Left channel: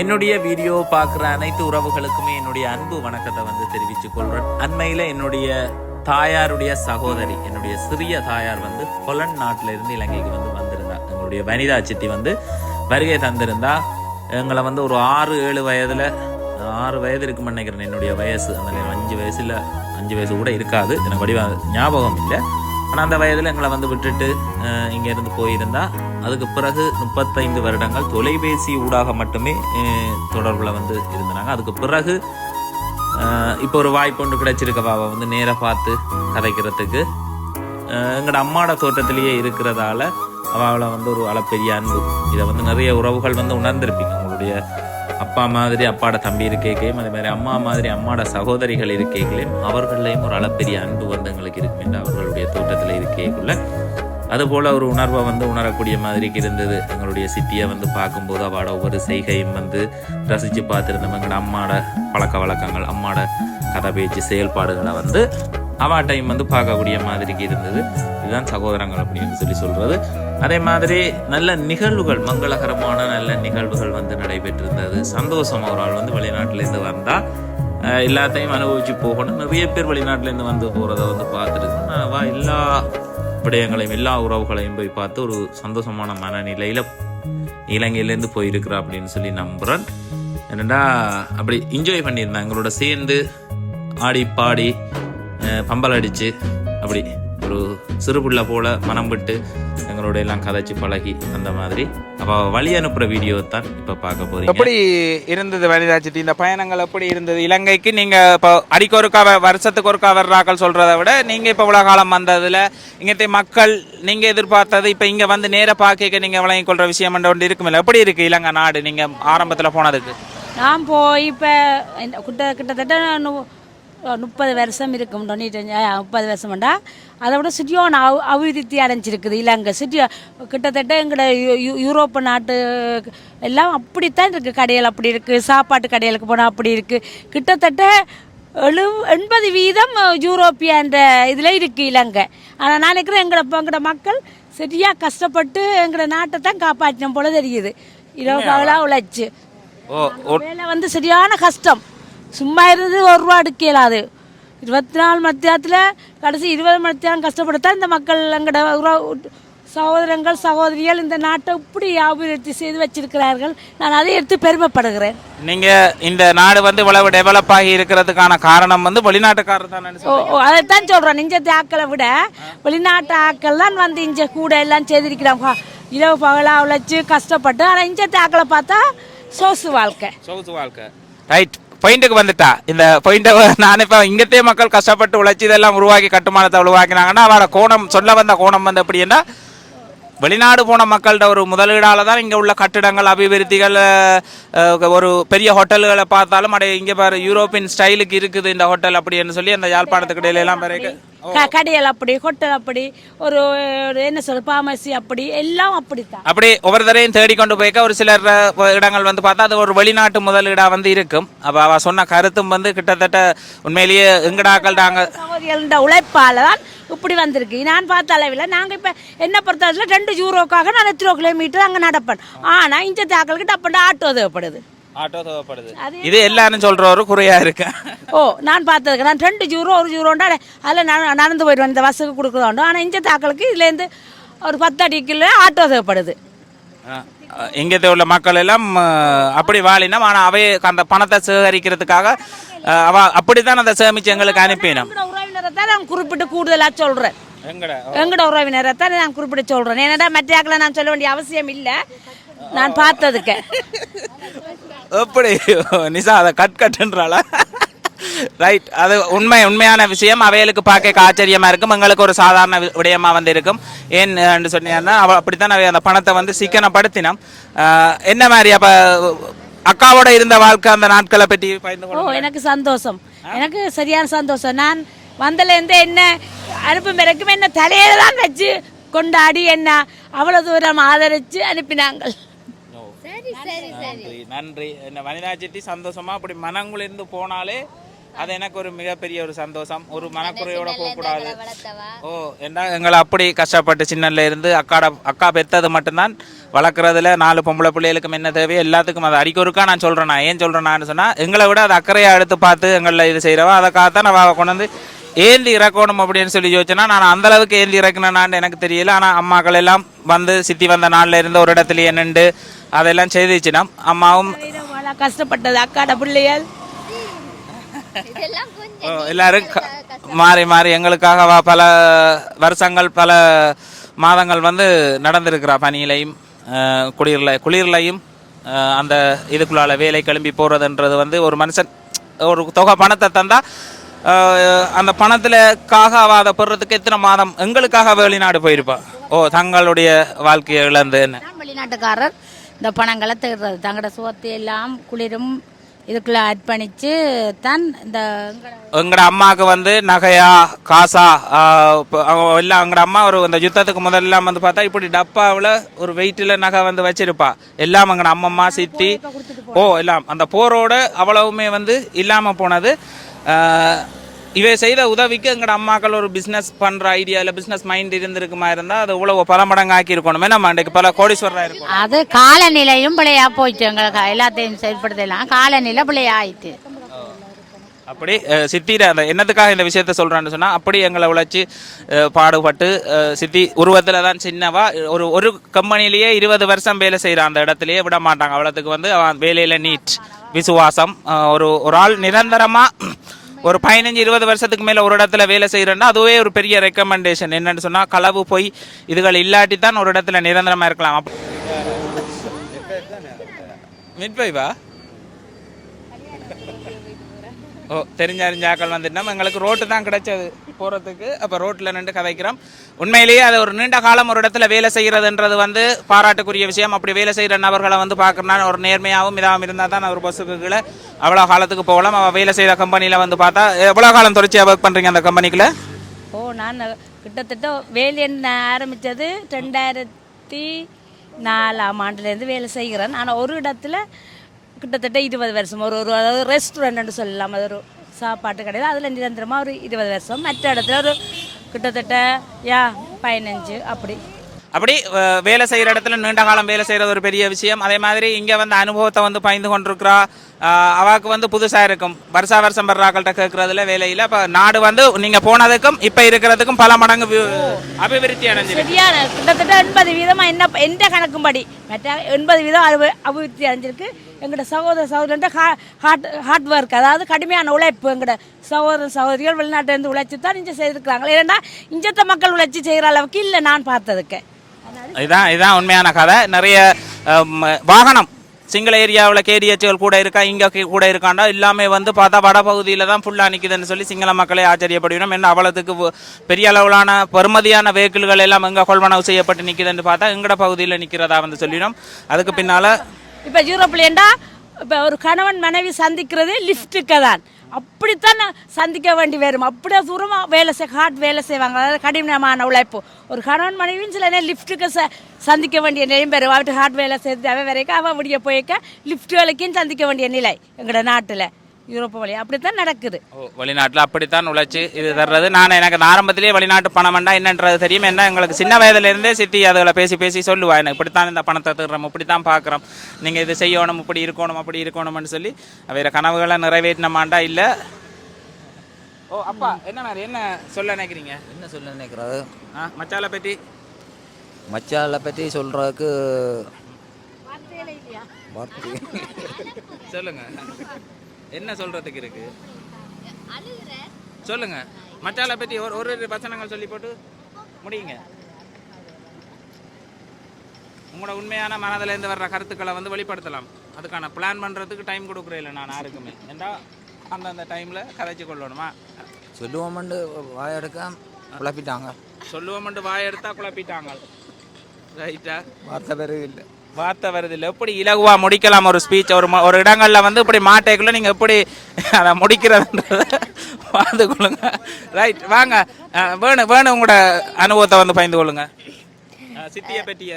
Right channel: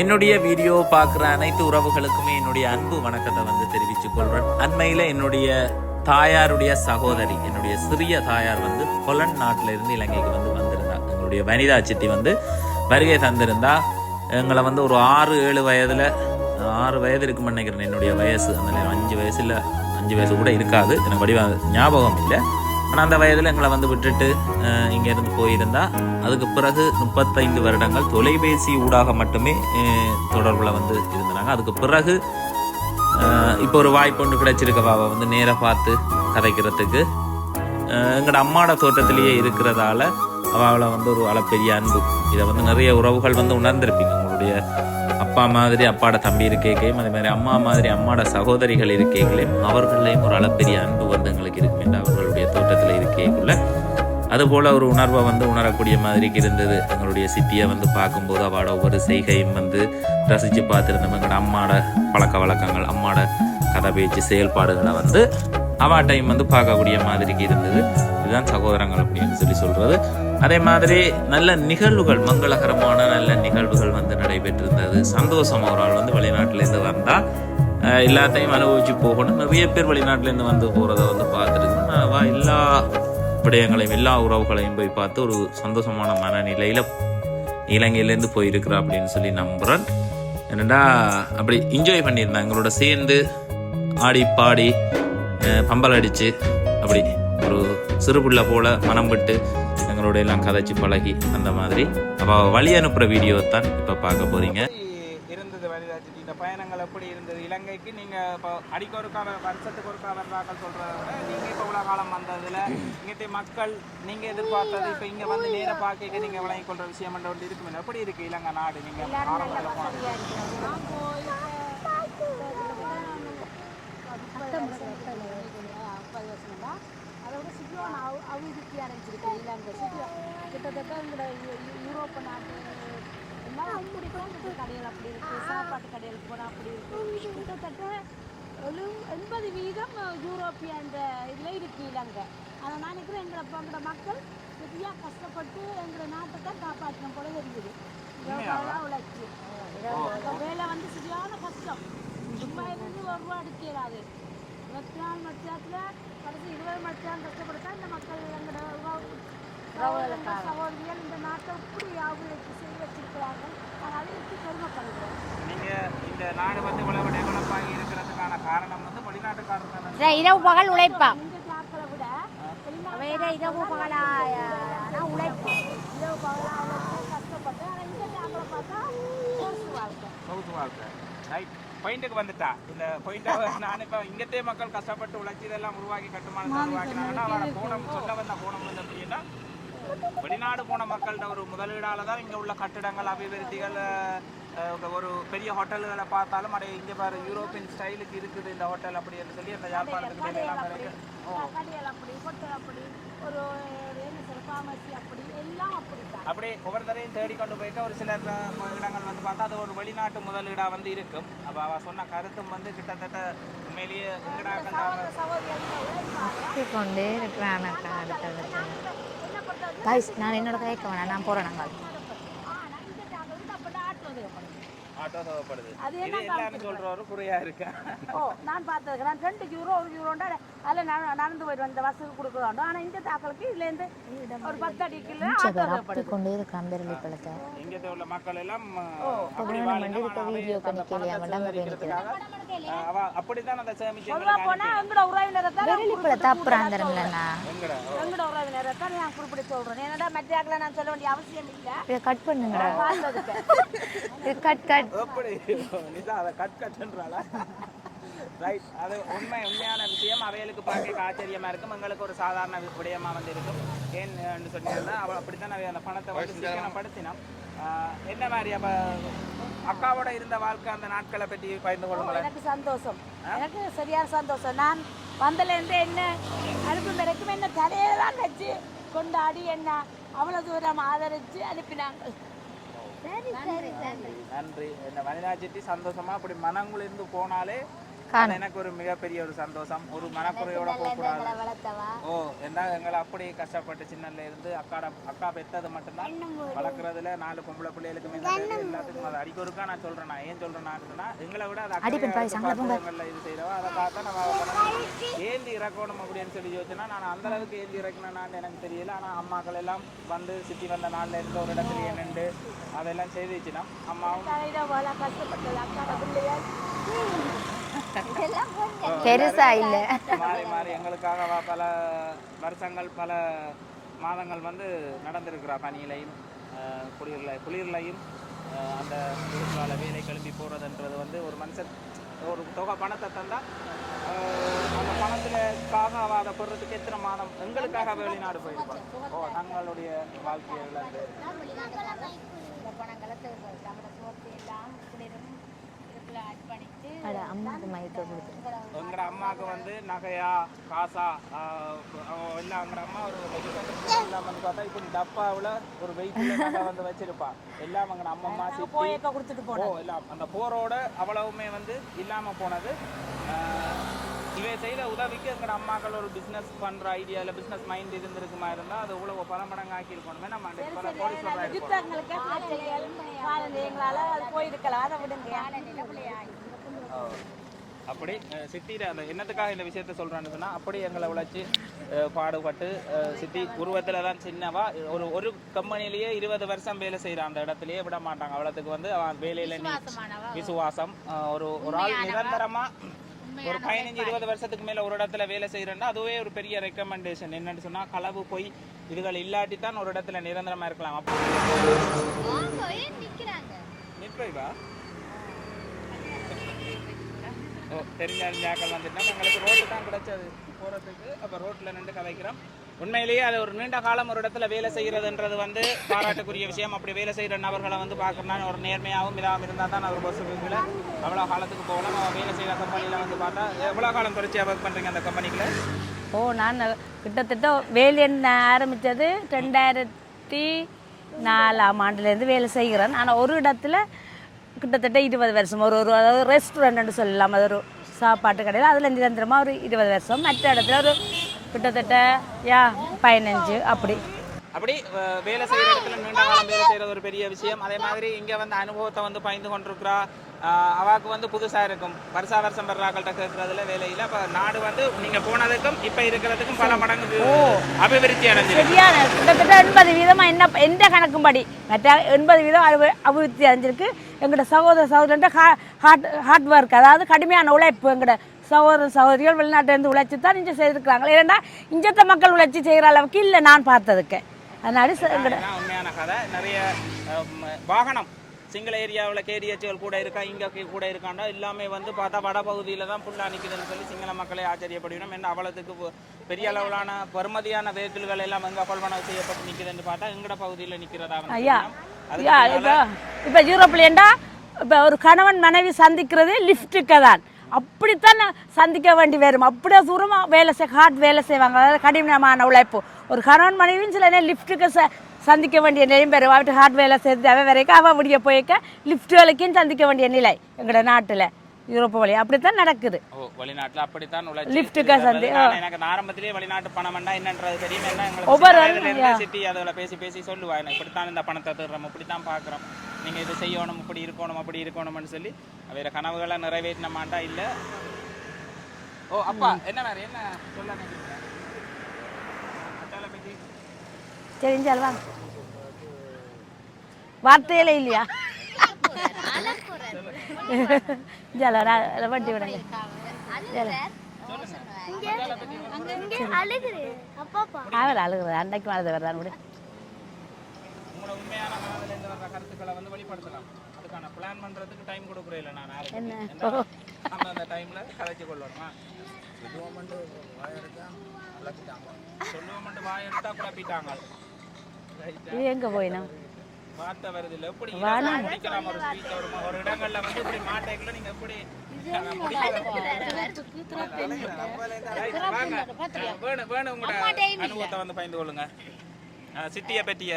என்னுடைய வீடியோ பார்க்குற அனைத்து உறவுகளுக்குமே என்னுடைய அன்பு வணக்கத்தை வந்து தெரிவித்துக் கொள்கிறேன் அண்மையில் என்னுடைய தாயாருடைய சகோதரி என்னுடைய சிறிய தாயார் வந்து ஹொலண்ட் நாட்டிலிருந்து இலங்கைக்கு வந்து வந்திருந்தா. எங்களுடைய வனிதா சித்தி வந்து வருகை தந்திருந்தா. எங்களை வந்து ஒரு ஆறு ஏழு வயதில் ஆறு வயது இருக்கும்னு நினைக்கிறேன். என்னுடைய வயசு அந்த அஞ்சு வயசில் அஞ்சு வயசு கூட இருக்காது. எனக்கு வடிவ ஞாபகம் இல்லை. ஆனால் அந்த வயதில் எங்களை வந்து விட்டுட்டு இங்கேருந்து போயிருந்தா அதுக்கு பிறகு முப்பத்தைந்து வருடங்கள் தொலைபேசி ஊடாக மட்டுமே தொடர்பில் வந்து இருந்தாங்க அதுக்கு பிறகு இப்போ ஒரு வாய்ப்பு ஒன்று கிடைச்சிருக்க அவ வந்து நேராக பார்த்து கதைக்கிறதுக்கு. எங்களோட அம்மாட தோட்டத்திலேயே இருக்கிறதால அவளை வந்து ஒரு அளப்பெரிய அன்பு. இதை வந்து நிறைய உறவுகள் வந்து உணர்ந்திருப்பீங்க உங்களுடைய அப்பா மாதிரி அப்பாட தம்பி இருக்கேக்கையும் அதே மாதிரி அம்மா மாதிரி அம்மாட சகோதரிகள் இருக்கேக்களையும் அவர்களையும் ஒரு அளப்பெரிய அன்பு வந்து எங்களுக்கு இருக்கும் என்று அவர்களுடைய தோட்டத்தில் இருக்கேக்குள்ள. அதுபோல் ஒரு உணர்வை வந்து உணரக்கூடிய மாதிரி இருந்தது. எங்களுடைய சித்தியை வந்து பார்க்கும்போது அவளோட ஒவ்வொரு செய்கையும் வந்து ரசித்து பார்த்துருந்தோம். எங்களோட அம்மாட பழக்க வழக்கங்கள் அம்மாட கதை பேச்சு செயல்பாடுகளை வந்து அவா டைம் வந்து பார்க்கக்கூடிய மாதிரி இருந்தது. இதுதான் சகோதரங்கள் அப்படின்னு சொல்லி சொல்கிறது அதே மாதிரி நல்ல நிகழ்வுகள் மங்களகரமான நல்ல நிகழ்வுகள் வந்து நடைபெற்றிருந்தது. சந்தோஷம் ஒரு ஆள் வந்து வெளிநாட்டிலேருந்து வந்தால் எல்லாத்தையும் அனுபவிச்சு போகணும். நிறைய பேர் வெளிநாட்டிலேருந்து வந்து போகிறத வந்து பார்த்துருக்கோம். நான் எல்லா விடயங்களையும் எல்லா உறவுகளையும் போய் பார்த்து ஒரு சந்தோஷமான மனநிலையில் இலங்கையிலேருந்து போயிருக்கிறா அப்படின்னு சொல்லி நம்புகிறேன் என்னடா அப்படி என்ஜாய் பண்ணியிருந்தேன் எங்களோட சேர்ந்து ஆடி பாடி பம்பல் அடித்து அப்படி ஒரு சிறு புள்ள போல மனம் விட்டு எங்களோட எல்லாம் கதைச்சு பழகி அந்த மாதிரி. அப்போ வழி அனுப்புற வீடியோ தான் இப்போ பார்க்க போறீங்க. எப்படி இருந்தது வனிதா சிட்டி இந்த பயணங்கள் எப்படி இருந்தது? இலங்கைக்கு நீங்க இப்போ அடிக்கு ஒருக்கா வருஷத்துக்கு ஒருக்கா வர்றாக்கள் சொல்றதை விட நீங்க இப்போ இவ்வளவு காலம் வந்ததுல இங்கத்தை மக்கள் நீங்க எதிர்பார்த்தது இப்போ இங்க வந்து நேர பார்க்க நீங்க விளங்கிக் கொள்ற விஷயம் ஒன்று இருக்குமில்ல. எப்படி இருக்கு இலங்கை நாடு நீங்க ஆரம்பத்துல போனதுக்கு? நான் போய் இப்போ கிட்ட கிட்டத்தட்ட முப்பது வருஷம் இருக்கும் ஆ, முப்பது வருஷம்டா. அதை விட சிட்டியோன அவ அபிவிருத்தி அடைஞ்சிருக்குது. இலங்கை சிட்டி கிட்டத்தட்ட எங்களோட யூ- யூரோப்பு நாட்டு எல்லாம் அப்படித்தான் இருக்குது கடைகள் அப்படி இருக்குது சாப்பாட்டு கடைகளுக்கு போனால் அப்படி இருக்குது கிட்டத்தட்ட எழு எண்பது வீதம் யூரோப்பியன்ற இதில் இருக்குது இலங்கை. ஆனால் நான் நினைக்கிறேன் எங்களை எங்களோட மக்கள் சரியாக கஷ்டப்பட்டு எங்களோட நாட்டை தான் காப்பாற்றின போல தெரியுது. இரவு பகலாக உழைச்சு. வேலை வந்து சரியான கஷ்டம். சும்மா இருந்து ஒரு ரூபா எடுக்கலாது இருபத்தி நாலு மத்தியானத்தில் கடைசி இருபது மத்தியானம் கஷ்டப்பட்டுத்தான் இந்த மக்கள் எங்களோட உறவு சகோதரங்கள் சகோதரிகள் இந்த நாட்டை இப்படி அபிவிருத்தி செய்து வச்சிருக்கிறார்கள். நான் அதை எடுத்து பெருமைப்படுகிறேன். நீங்க இந்த நாடு வந்து இவ்வளவு டெவலப் ஆகி இருக்கிறதுக்கான காரணம் வந்து வெளிநாட்டுக்காரர் தான் அதைத்தான் சொல்கிறேன் இஞ்சத்து ஆக்களை விட வெளிநாட்டு ஆக்கள் தான் வந்து இஞ்ச கூட எல்லாம் செய்திருக்கிறாங்க. இரவு பகலாக உழைச்சி கஷ்டப்பட்டு ஆனால் இஞ்சத்து ஆக்களை பார்த்தா சோசு வாழ்க்கை. சொகுசு வாழ்க்கை. ரைட் பாயிண்ட்டுக்கு வந்துட்டா. இந்த பாயிண்ட்டை நான் இப்போ இங்கத்தே மக்கள் கஷ்டப்பட்டு உழைச்சி இதெல்லாம் உருவாக்கி கட்டுமானத்தை உருவாக்கினாங்கன்னா அவரோட கோணம் சொல்ல வந்த கோணம் வந்து எப்படின்னா வெளிநாடு போன மக்கள்கிட்ட ஒரு முதலீடால் தான் இங்கே உள்ள கட்டிடங்கள் அபிவிருத்திகள் ஒரு பெரிய ஹோட்டல்களை பார்த்தாலும் அடைய இங்கே பாரு யூரோப்பியன் ஸ்டைலுக்கு இருக்குது இந்த ஹோட்டல் அப்படின்னு சொல்லி அந்த யாழ்ப்பாணத்துக்கு இடையிலலாம் பிறகு க கடைகள் அப்படி ஹோட்டல் அப்படி ஒரு ஒரு என்ன சொல்ற பார்மசி அப்படி எல்லாம் அப்படித்தான். அப்படி ஒவ்வொருத்தரையும் தேடிக்கொண்டு போய்க்க ஒரு சிலர் அஹ், இடங்கள் வந்து பார்த்தா அது ஒரு வெளிநாட்டு முதலீடாக வந்து இருக்கும். அப்போ அவ சொன்ன கருத்தும் வந்து கிட்டத்தட்ட உண்மையிலேயே எங்கடாக்கள் நாங்கள் சகோதரிகள உழைப்பால தான் இப்படி வந்திருக்கு. நான் பார்த்த அளவில் நாங்கள் இப்போ என்ன பொறுத்தவரையில் ரெண்டு யூரோக்காக நான் எத்தனை கிலோமீட்டர் அங்கே நடப்பேன் ஆனால் இந்த தாக்கலுக்கு டப்பண்டு ஆட்டோ தேவைப்படுது. ஆட்டோ தேவைப்படுது. இது எல்லாரும் சொல்ற ஒரு குறையா இருக்கு. ஓ நான் பார்த்ததுக்கு நான் ரெண்டு ஜூரோ ஒரு ஜூரோண்டா அதில் நான் நடந்து போயிடுவேன் இந்த பஸ்ஸுக்கு கொடுக்குறோண்டோ ஆனால் இந்த தாக்கலுக்கு இதுலேருந்து ஒரு பத்து அடிக்குள்ள ஆட்டோ தேவைப்படுது. இங்கത്തെ உள்ள மக்கள் எல்லாம் அப்படி வாழினா ஆனா அவை அந்த பணத்தை சேகரிக்கிறதுக்காக அவ அப்படித்தான் அந்த சேமிச்சு எங்களுக்கு அனுப்பினோம். உறவினரை தான் நான் குறிப்பிட்டு கூடுதலாக சொல்கிறேன் எங்களோட உறவினரை தான் நான் குறிப்பிட்டு சொல்கிறேன் ஏன்னா மற்ற ஆக்களை நான் சொல்ல வேண்டிய அவசியம் இல்லை. நான் பார்த்ததுக்கு. எப்படி? நிசா அதை கட் கட்டுன்றாளா ரைட் அது உண்மை உண்மையான விஷயம். அவைகளுக்கு பார்க்க ஆச்சரியமா இருக்கும். எங்களுக்கு ஒரு சாதாரண விடயமா வந்து இருக்கும். ஏன் என்று சொன்னீங்கன்னா அவ அப்படித்தான் அவை அந்த பணத்தை வந்து சிக்கனப்படுத்தினோம். என்ன மாதிரி அப்ப அக்காவோட இருந்த வாழ்க்கை அந்த நாட்களை பற்றி. எனக்கு சந்தோஷம். எனக்கு சரியான சந்தோஷம். நான் வந்தலேருந்து என்ன அனுப்பும் வரைக்கும் என்ன தலையில தான் வச்சு கொண்டாடி என்ன அவ்வளவு தூரம் ஆதரிச்சு அனுப்பினாங்க நன்றி நன்றி. இந்த வனிதா சிட்டி சந்தோஷமா? அப்படி மனங்குளிர்ந்து போனாலே அது எனக்கு ஒரு மிகப்பெரிய ஒரு சந்தோஷம். ஒரு மனக்குறையோட போக கூடாது. ஓ என்ன எங்களை அப்படி கஷ்டப்பட்டு சின்னல இருந்து அக்காட அக்கா பெத்தது மட்டும்தான். வளர்க்குறதுல நாலு பொம்பளை பிள்ளைகளுக்கும் என்ன தேவையோ எல்லாத்துக்கும் அது அடிக்க ஒருக்கா நான் சொல்கிறேன் நான் ஏன் சொல்கிறேன்னு சொன்னால் எங்களை விட அது அக்கறையாக எடுத்து பார்த்து எங்களில் இது செய்கிறவா அதுக்காகத்தான் நான் கொண்டு வந்து ஏந்தி இறக்கணும் அப்படின்னு சொல்லி யோசிச்சேன்னா நான் அந்த அளவுக்கு ஏந்தி இறக்கினான்னு எனக்கு தெரியல. ஆனால் அம்மாக்கள் எல்லாம் வந்து சித்தி வந்த நாள்ல இருந்து ஒரு இடத்துலயே நின்று அதெல்லாம் செய்துச்சுன்னா அம்மாவும் கஷ்டப்பட்டது அக்காட பிள்ளைகள். எல்லாரும் மாறி மாறி எங்களுக்காக வ- பல வருஷங்கள் பல மாதங்கள் வந்து நடந்திருக்கிறா பனியிலையும் அஹ், குளிர்ல குளிர்லையும் அந்த இதுக்குள்ளால வேலை கிளம்பி போறதுன்றது வந்து ஒரு மனுஷன் ஒரு தொகை பணத்தை தந்தா அந்த பணத்துலக்காக அவ அதை பெறதுக்கு எத்தனை மாதம் எங்களுக்காக வெளிநாடு போயிருப்பா? ஓ தங்களுடைய வாழ்க்கையை இழந்து என்ன? வெளிநாட்டுக்காரர். இந்த பணங்களை தேடுறது தங்களோட சுகத்தை எல்லாம் குளிரும் இதுக்குள்ள அர்ப்பணித்து தான் இந்த எங்கட அம்மாவுக்கு வந்து நகையா காசா எல்லாம் எங்கட அம்மா ஒரு இந்த யுத்தத்துக்கு முதல்ல வந்து பார்த்தா இப்படி டப்பாவில் ஒரு வெயிட்டில் நகை வந்து வச்சிருப்பா. எல்லாம் எங்கட அம்மம்மா சித்தி ஓ எல்லாம் அந்த போரோட அவ்வளவுமே வந்து இல்லாமல் போனது. இவை செய்த உதவிக்கு எங்கட அம்மாக்கள் ஒரு பிஸ்னஸ் பண்ற ஐடியாவில் பிஸ்னஸ் மைண்ட் இருந்திருக்குமா இருந்தால் அது இவ்வளவு பல மடங்கு ஆக்கி இருக்கணும் நம்ம இன்றைக்கு பல கோடீஸ்வரராக இருக்கும் அது காலநிலையும் பிள்ளையா போயிட்டு எங்களுக்கு எல்லாத்தையும் செயல்படுத்தலாம். காலநிலை பிள்ளையா ஆயிட்டு அப்படி சித்திர அந்த என்னத்துக்காக இந்த விஷயத்த சொல்றான்னு சொன்னா அப்படி எங்களை உழைச்சி பாடுபட்டு சித்தி உருவத்துல தான் சின்னவா ஒரு ஒரு கம்பெனிலேயே இருபது வருஷம் வேலை செய்யறான் அந்த இடத்துலயே விட மாட்டாங்க அவ்வளோத்துக்கு வந்து அவன் வேலையில நீட் விசுவாசம் ஒரு ஒரு ஆள் நிரந்தரமா ஒரு பதினஞ்சு இருபது வருஷத்துக்கு மேலே ஒரு இடத்துல வேலை செய்கிறேன்னா அதுவே ஒரு பெரிய ரெக்கமெண்டேஷன் என்னென்னு சொன்னால் களவு போய் இதுகள் இல்லாட்டி தான் ஒரு இடத்துல நிரந்தரமாக இருக்கலாம். அப்ப- மிட்வைவா ஓ தெரிஞ்ச அறிஞ்ச ஆக்கள் வந்துட்டோம் எங்களுக்கு ரோட்டு தான் கிடைச்சது. போகிறதுக்கு அப்போ ரோட்டில் நின்று கதைக்கிறோம். உண்மையிலேயே அது ஒரு நீண்ட காலம் ஒரு இடத்துல வேலை செய்கிறதுன்றது வந்து பாராட்டுக்குரிய விஷயம். அப்படி வேலை செய்கிற நபர்களை வந்து பார்க்கணும்னா ஒரு நேர்மையாகவும் இதாகவும் இருந்தால் தான் ஒரு பஸ்ஸுக்கு அவ்வளோ காலத்துக்கு போகலாம். அவள் வேலை செய்கிற கம்பெனியில் வந்து பார்த்தா எவ்வளோ காலம் தொடர்ச்சியாக ஒர்க் பண்ணுறீங்க அந்த கம்பெனிக்குள்ளே ஓ நான் கிட்டத்தட்ட வேலை ஆரம்பித்தது? ரெண்டாயிரத்தி நாலாம் ஆண்டுலேருந்து வேலை செய்கிறேன். ஆனால் ஒரு இடத்துல கிட்டத்தட்ட இருபது வருஷம். ஒரு ஒரு அதாவது ரெஸ்டாரண்ட்னு சொல்லலாம். அது ஒரு சாப்பாட்டு கடையில். அதில் நிரந்தரமாக ஒரு இருபது வருஷம். மற்ற இடத்துல ஒரு கிட்டத்தட்ட யா பதினஞ்சு அப்படி. அப்படி வேலை செய்கிற இடத்துல நீண்ட காலம் வேலை செய்கிறது ஒரு பெரிய விஷயம். அதே மாதிரி இங்கே வந்து அனுபவத்தை வந்து பயந்து கொண்டிருக்கிறா. அவாக்கு வந்து புதுசாக இருக்கும். வருஷா வருஷம் வர்றாக்கள்கிட்ட கேட்குறதுல வேலையில் இப்போ நாடு வந்து நீங்கள் போனதுக்கும் இப்போ இருக்கிறதுக்கும் பல மடங்கு அபிவிருத்தி அடைஞ்சு சரியான கிட்டத்தட்ட எண்பது வீதமாக என்ன எந்த கணக்கும்படி? மற்ற எண்பது வீதம் அது அபிவிருத்தி அடைஞ்சிருக்கு. எங்களோட சகோதர சகோதரன்ட்ட ஹார்ட் ஹார்ட் ஒர்க் அதாவது கடுமையான உழைப்பு எங்களோட சகோதர சகோதரிகள் வெளிநாட்டிலேருந்து உழைச்சி தான் இங்கே செய்திருக்கிறாங்க. ஏன்னா இஞ்சத்த மக்கள் உழைச்சி செய்கிற அளவுக்கு இல்லை நான் பார்த்ததுக்கு. அதனால இதுதான் உண்மையான கதை. நிறைய வாகனம். சிங்கள ஏரியாவில் கேடிஎச்கள் கூட இருக்கா இங்கே கூட இருக்காண்டா எல்லாமே வந்து பார்த்தா வட பகுதியில் தான் ஃபுல்லாக நிற்குதுன்னு சொல்லி சிங்கள மக்களே ஆச்சரியப்படுவினோம் என்ன அவ்வளோத்துக்கு பெரிய அளவிலான பெருமதியான வெஹிக்கிள்கள் எல்லாம் எங்கே கொள்வனவு செய்யப்பட்டு நிற்குதுன்னு பார்த்தா எங்கட பகுதியில் நிற்கிறதா வந்து சொல்லினோம் அதுக்கு பின்னால் இப்போ யூரோப்லேண்டா இப்போ ஒரு கணவன் மனைவி சந்திக்கிறது லிஃப்ட்டுக்கு தான். அப்படித்தான் நான் சந்திக்க வேண்டி வரும். அப்படியே தூரமாக வேலை செய் ஹார்ட் வேலை செய்வாங்க. அதாவது கடினமான உழைப்பு. ஒரு கணவன் மனைவியும் சில நேரம் லிஃப்ட்டுக்கு ச சந்திக்க வேண்டிய நிலையும் பெறும். அவட்டு ஹார்ட் வேலை செய்து அவ வரைக்கும் அவள் விடிய போய்க்க லிஃப்ட் வேலைக்கும் சந்திக்க வேண்டிய நிலை எங்களோட நாட்டில். யூரோப்பு வழி. அப்படித்தான் நடக்குது. ஓ வெளிநாட்டில் அப்படித்தான் உழைச்சி இது தர்றது. நான் எனக்கு ஆரம்பத்திலேயே வெளிநாட்டு பணம் வேண்டாம். என்னன்றது தெரியும். என்ன எங்களுக்கு சின்ன வயதுல இருந்தே சிட்டி அதுகளை பேசி பேசி சொல்லுவா. எனக்கு இப்படித்தான் இந்த பணத்தை திருறோம். இப்படித்தான் பார்க்குறோம். நீங்கள் இது செய்யணும். இப்படி இருக்கணும். அப்படி இருக்கணும்னு சொல்லி வேற கனவுகளை நிறைவேற்றினமாண்டா இல்லை. ஓ அப்பா என்ன என்ன சொல்ல நினைக்கிறீங்க? என்ன சொல்ல நினைக்கிறாரு மச்சாலை பற்றி மச்சாலை பற்றி சொல்கிறதுக்கு வார்த்தையில இல்லையா? சொல்லுங்க. விடுங்க சொல்லுங்க. மச்சாலை பற்றி ஒரு ஒரு பசங்க சொல்லி போட்டு அவள் அழுகுது அன்னைக்கு அழுது வர்றான் விடு உங்களோட உண்மையான மனதில் இருந்து வர்ற கருத்துக்களை வந்து வெளிப்படுத்தலாம். அதுக்கான பிளான் பண்றதுக்கு டைம் கொடுக்குறேன் இல்லை நான் யாருக்குமே அந்தந்த டைம்ல கதைச்சு கொள்ளணுமா? சொல்லுவோம்னு வாயெடுக்க குழப்பிட்டாங்க. சொல்லுவோம்ட்டு வாய் எடுத்தா குழப்பிட்டாங்க. ரைட்டா எங்க மற்ற இல்லை. வார்த்தை வருது இல்லை. எப்படி இலகுவா முடிக்கலாம் ஒரு ஸ்பீச் ஒரு ஒரு இடங்கள்ல வந்து இப்படி மாட்டைக்குள்ள நீங்க எப்படி அதை முடிக்கிறதுன்றத பார்த்து கொள்ளுங்க. ரைட் வாங்க. அஹ், வேணும் வேணும் உங்களோட அனுபவத்தை வந்து பயந்து கொள்ளுங்க. அஹ், சித்தியை பற்றிய.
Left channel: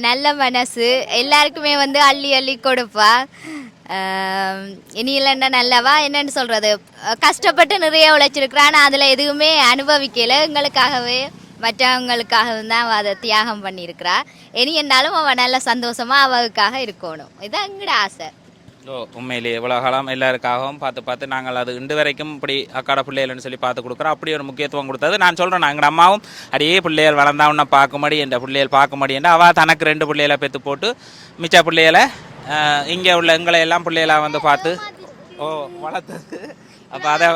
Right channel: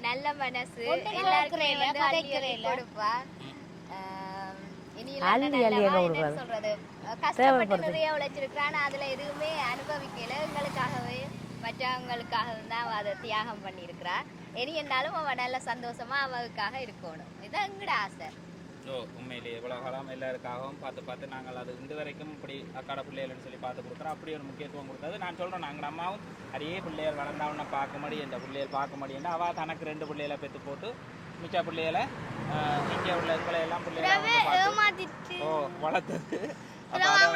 நல்ல மனசு. எல்லாருக்குமே வந்து அள்ளி அள்ளி கொடுப்பா. இனி இல்லைன்னா நல்லவா? என்னன்னு சொல்றது? கஷ்டப்பட்டு நிறைய உழைச்சிருக்கிறான் ஆனா அதுல எதுவுமே அனுபவிக்கல. எங்களுக்காகவே. மற்றவங்களுக்காகவும் தான் அவள் அதை தியாகம் பண்ணியிருக்கிறா. இனி என்றாலும் அவள் நல்ல சந்தோஷமா அவளுக்காக இருக்கணும். இதுதான் எங்களோட ஆசை. ஓ உண்மையிலேயே இவ்வளோ காலம் எல்லாருக்காகவும் பார்த்து பார்த்து நாங்கள் அது இன்று வரைக்கும் இப்படி அக்காட பிள்ளைகள்னு சொல்லி பார்த்து கொடுக்குறோம். அப்படி ஒரு முக்கியத்துவம் கொடுத்தது. நான் சொல்கிறேன் எங்கள் அம்மாவும் அடியே பிள்ளைகள் வளர்ந்தா உன்னை பார்க்கும்படி என்ற பிள்ளைகள் பார்க்கும்படி என்று அவள் தனக்கு ரெண்டு பிள்ளைகளை பெற்று போட்டு மிச்ச பிள்ளைகளை இங்கே உள்ள எங்களை எல்லாம் பிள்ளைகளை வந்து பார்த்து ஓ வளர்த்தது. அப்போ அதை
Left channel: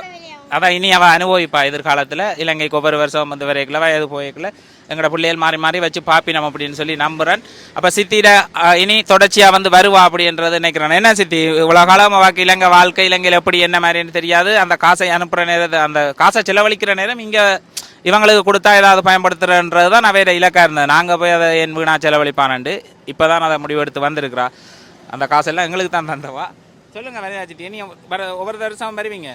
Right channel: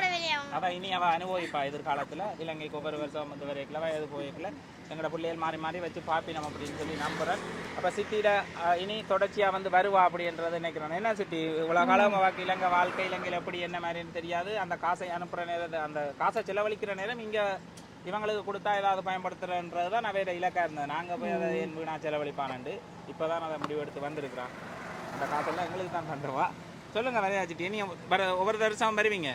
அதான் இனி அவள் அனுபவிப்பா எதிர்காலத்தில். இலங்கைக்கு ஒவ்வொரு வருஷம் வந்து வரைக்கல வயது போய்க்கல எங்களோட பிள்ளைகள் மாறி மாறி வச்சு பாப்பினம் அப்படின்னு சொல்லி நம்புகிறேன் அப்போ சித்தியில் இனி தொடர்ச்சியாக வந்து வருவா அப்படின்றது நினைக்கிறேன். என்ன சித்தி? இவ்வளோ காலம் வாக்கு இலங்கை வாழ்க்கை இலங்கையில் எப்படி என்ன மாதிரின்னு தெரியாது. அந்த காசை அனுப்புகிற நேரத்தை அந்த காசை செலவழிக்கிற நேரம் இங்கே இவங்களுக்கு கொடுத்தா ஏதாவது பயன்படுத்துறன்றது தான் நான் வேறு இலக்காக இருந்தேன். நாங்கள் போய் அதை என் வீணா செலவழிப்பானண்டு. இப்போ தான் அதை முடிவெடுத்து வந்திருக்கிறா. அந்த காசெல்லாம் எங்களுக்கு தான் தந்தவா சொல்லுங்கள் விளையாச்சிட்டு இனி வர ஒவ்வொரு வருஷம் வருவீங்க?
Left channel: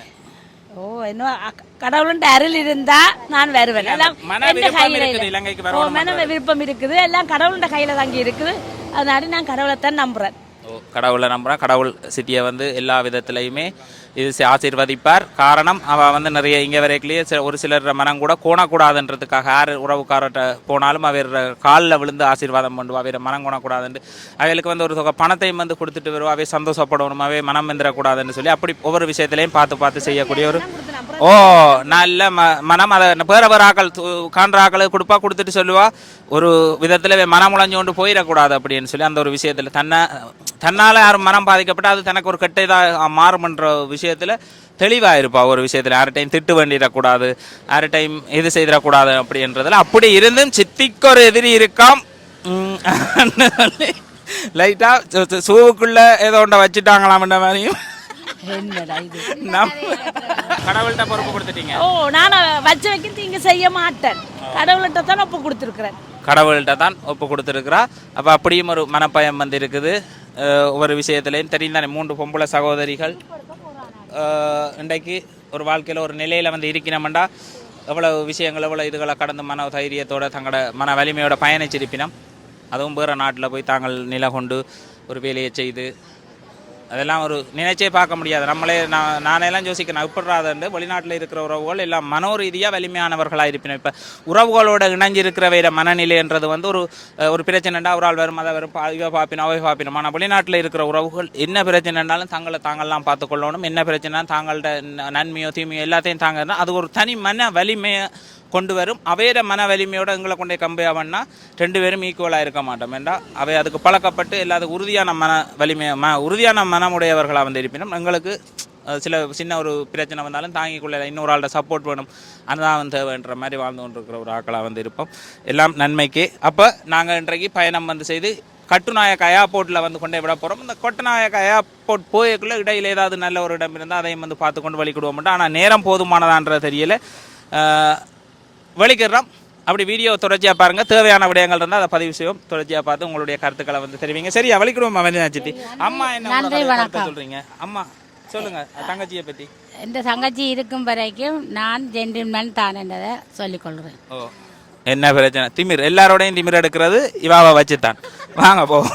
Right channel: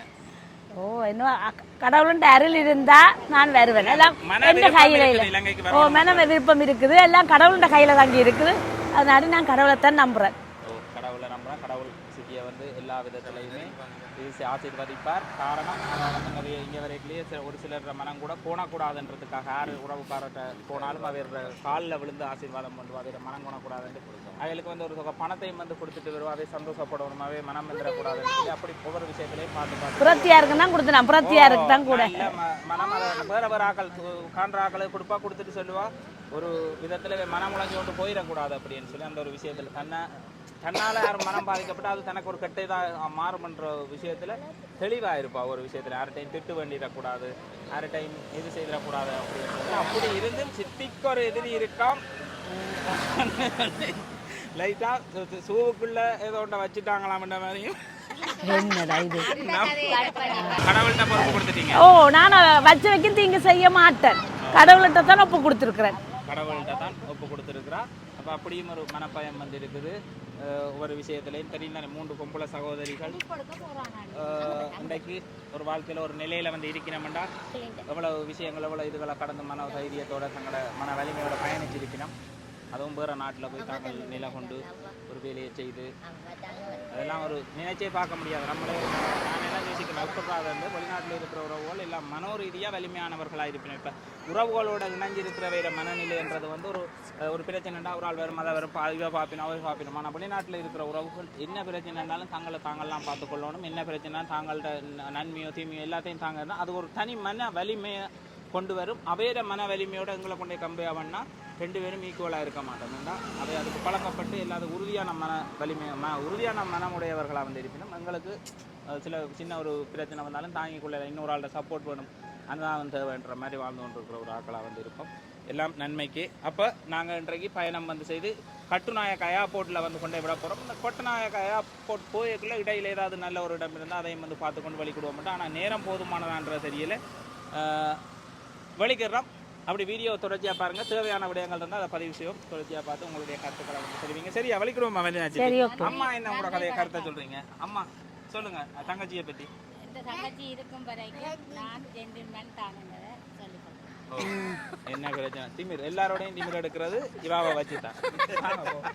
ஓ இன்னும் அக்- கடவுளுடைய அருள் இருந்தா நான் வருவேன். எல்லாம் எந்த கையில இல்லை. ஓ மன விருப்பம் இருக்குது. எல்லாம் கடவுளுடைய கையில தாங்கி இருக்குது. அதனால நான் கடவுளைத்தான் நம்புறேன். கடவுளை நம்புகிறேன் கடவுள் சிட்டியை வந்து எல்லா விதத்துலையுமே இது ஆசீர்வதிப்பார். காரணம் அவள் வந்து நிறைய இங்கே வரைக்கிலேயே சில ஒரு சிலர் மனம் கூட கோணக்கூடாதுன்றதுக்காக யார் உறவுக்காரர்கிட்ட போனாலும் அவர் காலில் விழுந்து ஆசீர்வாதம் பண்ணுவா. அவர் மனம் கோணக்கூடாதுன்னு அவளுக்கு வந்து ஒரு தொகை பணத்தையும் வந்து கொடுத்துட்டு வருவா. அவை சந்தோஷப்படணும். அவை மனம் வந்துடக்கூடாதுன்னு சொல்லி அப்படி ஒவ்வொரு விஷயத்திலையும் பார்த்து பார்த்து செய்யக்கூடிய ஒரு ஓ நல்ல ம மனம் அதை வேற வேற ஆக்கள் காண்ற ஆக்களுக்கு கொடுப்பா கொடுத்துட்டு சொல்லுவா. ஒரு விதத்தில் மனம் உழைஞ்சு கொண்டு போயிடக்கூடாது அப்படின்னு சொல்லி அந்த ஒரு விஷயத்தில் தன்னை தன்னால் யாரும் மனம் பாதிக்கப்பட்டு அது தனக்கு ஒரு கெட்ட இதாக மாறும்ன்ற விஷயத்தில் தெளிவாக இருப்பா ஒரு விஷயத்தில் யார்கிட்டையும் திட்டு வேண்டிடக்கூடாது யார்கிட்டையும் இது செய்திடக்கூடாது அப்படின்றதுல அப்படி இருந்தும் சித்திக்கு ஒரு எதிரி இருக்காம். லைட்டாக சூவுக்குள்ள ஏதோ ஒன்றை வச்சுட்டாங்களாம்ன்ற மாதிரியும். ஓ நான் வச்சு வைக்க தீங்கு செய்ய மாட்டேன். கடவுள்கிட்ட தான் ஒப்பு கொடுத்துருக்குறேன். கடவுள்கிட்ட தான் ஒப்பு கொடுத்துருக்குறா. அப்போ அப்படியும் ஒரு மனப்பயம் வந்து இருக்குது. ஒவ்வொரு விஷயத்துலையும் தெரியும் தானே மூன்று பொம்பளை சகோதரிகள். இன்றைக்கு ஒரு வாழ்க்கையில் ஒரு நிலையில் வந்து இருக்கிறோம்டா. எவ்வளவு விஷயங்கள் எவ்வளோ இதுகளை கடந்து மன தைரியத்தோட தங்களோட மன வலிமையோட பயணிச்சிருப்பினம். அதுவும் வேறு நாட்டில் போய் தாங்கள் நிலை கொண்டு ஒரு வேலையை செய்து அதெல்லாம் ஒரு நினைச்சே பார்க்க முடியாது. நம்மளே நான் நானெல்லாம் யோசிக்கிறேன் எப்படாதுண்டு வெளிநாட்டில் இருக்கிற உறவுகள் எல்லாம் மனோரீதியாக வலிமையானவர்களாக இருப்பினர் இப்போ உறவுகளோட இணைஞ்சிருக்கிறவையிட மனநிலைன்றது வந்து ஒரு ஒரு பிரச்சனைண்டா ஒரு ஆள் வரும் அதை வரும் பா- இவ பாப்பினோம் அவை பார்ப்பினோம் ஆனால் வெளிநாட்டில் இருக்கிற உறவுகள் என்ன பிரச்சனைனாலும் தங்களை தாங்கள்லாம் பார்த்துக்கொள்ளணும் என்ன பிரச்சனை தாங்கள்கிட்ட நன்மையோ தீமையோ எல்லாத்தையும் தாங்கன்னா அது ஒரு தனி மன வலிமையை கொண்டு வரும். அவையோட மன வலிமையோட எங்களை கொண்டே கம்பையாவன்னா ரெண்டு பேரும் ஈக்குவலாக இருக்க மாட்டோம். ஏண்டா? அவை அதுக்கு பழக்கப்பட்டு எல்லாத்துக்கும் உறுதியான மன வலிமை ம உறுதியான மனமுடையவர்களாக வந்து இருப்பினும் எங்களுக்கு சில சின்ன ஒரு பிரச்சனை வந்தாலும் தாங்கிக் கொள்ள இன்னொரு ஆள்கிட்ட சப்போர்ட் வேணும். அதுதான் தேவைன்ற மாதிரி வாழ்ந்து கொண்டிருக்கிற ஒரு ஆக்களாக வந்து இருப்போம் எல்லாம் நன்மைக்கு. அப்போ நாங்கள் இன்றைக்கு பயணம் வந்து செய்து கட்டுநாயக்க ஏர்போர்ட்டில் வந்து கொண்டே விட போகிறோம் இந்த கட்டுநாயக்க ஏர்போர்ட் போயக்குள்ளே இடையில் ஏதாவது நல்ல ஒரு இடம் இருந்தால் அதையும் வந்து பார்த்து கொண்டு வழிக்கிடுவோம் ஆனால் நேரம் போதுமானதான்றது தெரியல. அஹ், வலிக்கிறோம். அப்படி வீடியோ தொடர்ச்சியாக பாருங்க. தேவையான விடயங்கள் இருந்தால் அதை பதிவு செய்வோம். தொடர்ச்சியாக பார்த்து உங்களுடைய கருத்துக்களை வந்து தெரிவிங்க. சரியா? வலிக்கிறோம் அவஞ்சிட்டி அம்மா என்ன. சொல்றீங்க? அம்மா சொல்லுங்க. தங்கச்சியை பற்றி இந்த தங்கச்சி இருக்கும் வரைக்கும் நான் ஜென்டில்மேன் தான் என்றதை சொல்லிக்கொள்கிறேன் என்ன பிரச்சனை? திமிர். எல்லாரோடையும் திமிர் எடுக்கிறது இவாவை வச்சு தான் வாங்க போவோம்.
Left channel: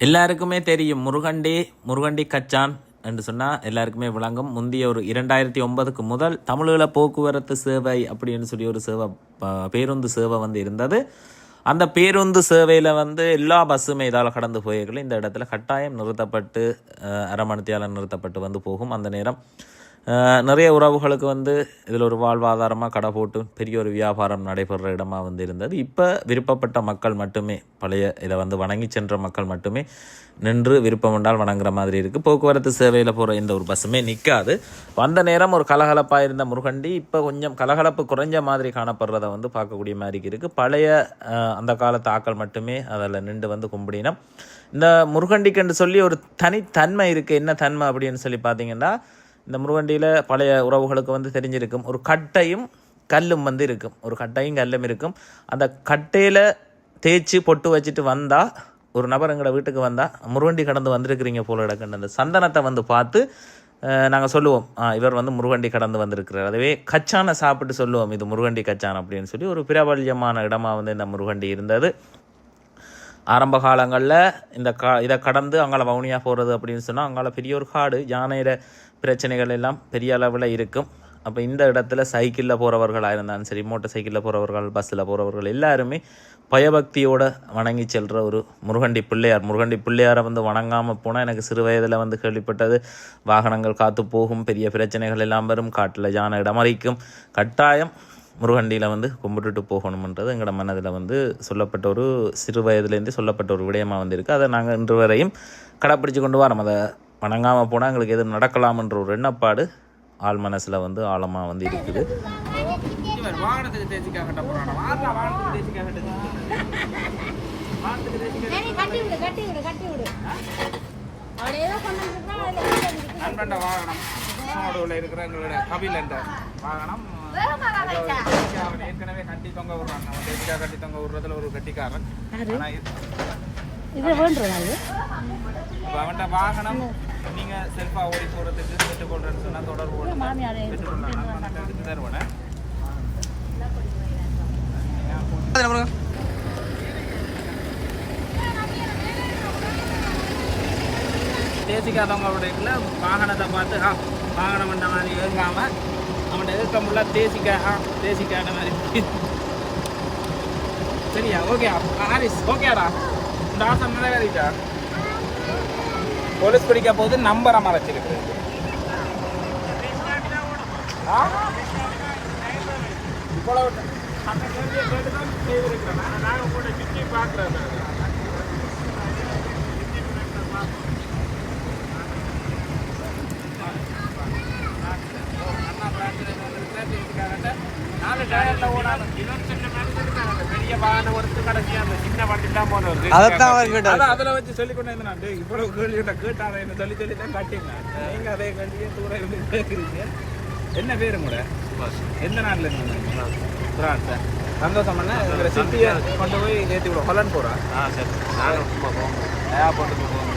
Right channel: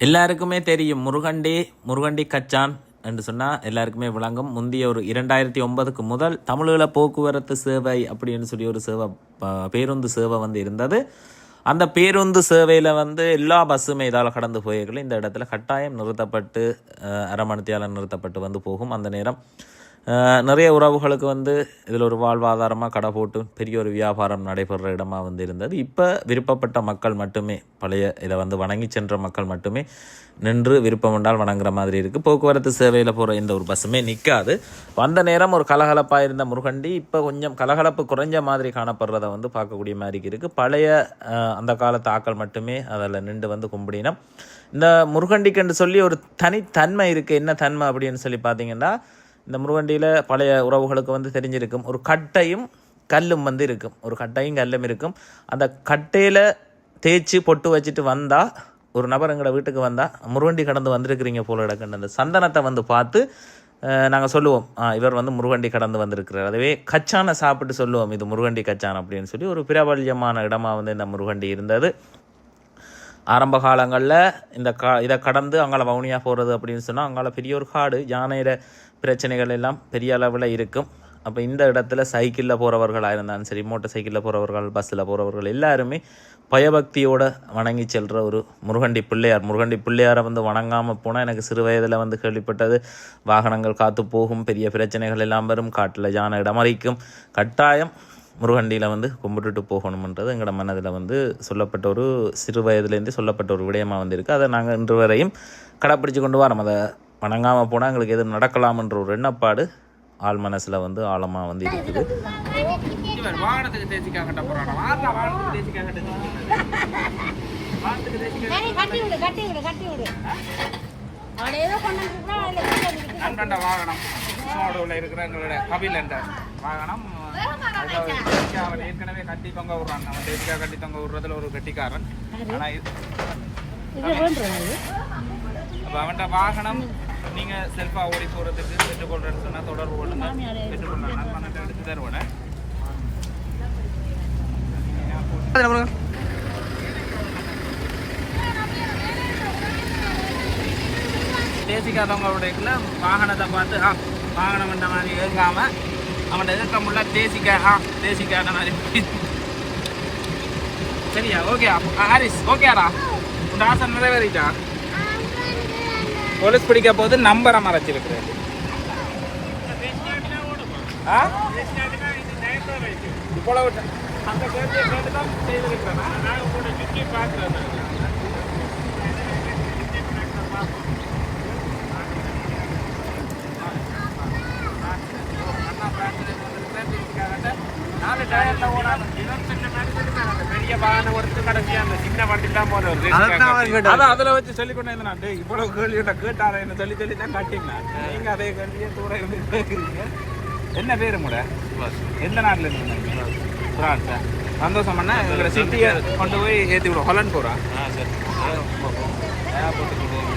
எல்லாருக்குமே தெரியும் முருகண்டி முருகண்டி கச்சான். என்று சொன்னால் எல்லாருக்குமே விளங்கும். முந்தைய ஒரு இரண்டாயிரத்தி ஒன்பதுக்கு முதல் தமிழீழ போக்குவரத்து சேவை அப்படின்னு சொல்லி ஒரு சேவை பேருந்து சேவை வந்து இருந்தது. அந்த பேருந்து சேவையில் வந்து எல்லா பஸ்ஸுமே இதால் கடந்து போயிருக்கல. இந்த இடத்துல கட்டாயம் நிறுத்தப்பட்டு அஹ், அரை நிறுத்தப்பட்டு வந்து போகும். அந்த நேரம் நிறைய உறவுகளுக்கு வந்து இதில் ஒரு வாழ்வாதாரமாக கடை போட்டு பெரிய ஒரு வியாபாரம் நடைபெறுற இடமாக வந்து இருந்தது. இப்போ விருப்பப்பட்ட மக்கள் மட்டுமே பழைய இதை வந்து வணங்கி சென்ற மக்கள் மட்டுமே நின்று விருப்பம் என்றால் வணங்குற மாதிரி இருக்குது போக்குவரத்து சேவையில் போகிற எந்த ஒரு பஸ்ஸுமே நிற்காது வந்த நேரம் ஒரு கலகலப்பாக இருந்த முருகண்டி இப்போ கொஞ்சம் கலகலப்பு குறைஞ்ச மாதிரி காணப்படுறத வந்து பார்க்கக்கூடிய மாதிரி இருக்குது பழைய அந்த காலத்து ஆக்கள் மட்டுமே அதில் நின்று வந்து கும்பிடினோம் இந்த முருகண்டிக்குன்னு சொல்லி ஒரு தனித்தன்மை இருக்குது என்ன தன்மை அப்படின்னு சொல்லி பார்த்தீங்கன்னா இந்த முருகண்டியில் பழைய உறவுகளுக்கு வந்து தெரிஞ்சிருக்கும். ஒரு கட்டையும் கல்லும் வந்து இருக்கும். ஒரு கட்டையும் கல்லும் இருக்கும். அந்த கட்டையில் தேய்ச்சி பொட்டு வச்சுட்டு வந்தால் ஒரு நபர் எங்களோட வீட்டுக்கு வந்தால் முருகண்டி கடந்து வந்திருக்கிறீங்க போல இடக்குன்னு அந்த சந்தனத்தை வந்து பார்த்து நாங்கள் சொல்லுவோம் இவர் வந்து முருகண்டி கடந்து வந்திருக்கிறார். அதுவே கச்சானை சாப்பிட்டு சொல்லுவோம் இது முருகண்டி கச்சான் அப்படின்னு சொல்லி ஒரு பிரபல்யமான இடமாக வந்து இந்த முருகண்டி இருந்தது. ஆரம்ப காலங்களில் இந்த கா இதை கடந்து அவங்கள வவுனியா போகிறது அப்படின்னு சொன்னால் அவங்கள பெரிய ஒரு காடு யானையில பிரச்சனைகள் எல்லாம் பெரிய அளவில் இருக்கும். அப்போ இந்த இடத்துல சைக்கிளில் போகிறவர்களாக இருந்தாலும் சரி மோட்டர் சைக்கிளில் போகிறவர்கள் பஸ்ஸில் போகிறவர்கள் எல்லாருமே பயபக்தியோடு வணங்கி செல்கிற ஒரு முருகண்டி பிள்ளையார். முருகண்டி பிள்ளையாரை வந்து வணங்காமல் போனால் எனக்கு சிறு வயதில் வந்து கேள்விப்பட்டது வாகனங்கள் காத்து போகும் பெரிய பிரச்சனைகள் எல்லாம் வரும் காட்டில் யானை இடமறிக்கும் கட்டாயம் முருகண்டியில் வந்து கும்பிட்டுட்டு போகணுமன்றது எங்களோட மனதில் வந்து சொல்லப்பட்ட ஒரு சிறு வயதுலேருந்து சொல்லப்பட்ட ஒரு விடயமாக வந்திருக்கு அதை நாங்கள் இன்று வரையும் கடைப்பிடிச்சு கொண்டு வரோம். அதை வணங்காமல் போனால் எங்களுக்கு எது நடக்கலாம்ன்ற ஒரு எண்ணப்பாடு ஆள் மனசில் வந்து ஆழமாக வந்து இருக்குது. வாகனத்துக்கு தேசிக்கா கட்ட போறானா வாரா வாகனத்துக்கு தேசிக்கா கட்ட வாகனத்துக்கு தேசிக்கா நண்பண்ட வாகனம். சோடுவில் இருக்கிற எங்களோட கபில் என்ற வாகனம். அவன் ஏற்கனவே கட்டி தொங்க விடுறான். அவன் தேசிக்கா கட்டி தொங்க விடுறதுல ஒரு கட்டிக்காரன். ஆனா இது? அப்ப அவன்ட வாகனம் நீங்க செல்ஃபா ஓடி போறதுக்கு பெற்றுக்கொள்றேன்னு சொன்னா தொடர்பு கொள்ளுங்க. பெற்றுக்கொள்ளலாம். நண்பன்கிட்ட எடுத்து தருவேன் தேசிக்காதவங்களுடைய வாகனத்தை பார்த்து ஆ வாகனம் வந்த மாதிரி ஏங்காம அவன் எதிர்க்க முடியல தேசிக்க ஆ தேசிக்கான மாதிரி. சரியா? ஓகே ஹாரிஸ் ஓகேடா. உன் ஆசை நிறைவேறிட்டா? போலீஸ் பிடிக்க போது நம்பரை மறைச்சிருக்கு. இவ்வளவு அந்த கேள்வியை கேட்டு தான் செய்திருக்கிறேன். நான் உங்களோட சுற்றி பார்க்குறேன் நாலு டயர்ல ஓடாது பெரிய வாகனம் ஒருத்தர் கடைசியா அந்த சின்ன வண்டி தான் போனது அதைத்தான் அவர் கேட்டாரு. அதான் அதுல வச்சு சொல்லி கொண்டு நான். இவ்வளவு கேள்வி கேட்டாரே என்ன சொல்லி சொல்லி தான் காட்டினேன். நீங்க அதே கேள்வியே தூர இருந்து கேட்குறீங்க. என்ன பேரு முட எந்த நாட்டுல இருந்து வந்தீங்க? பிரான்ஸா சந்தோஷம் பண்ணா சிட்டியை கொண்டு போய் ஏற்றி விடுவோம். ஹொலன் போட்டு விடுவோம்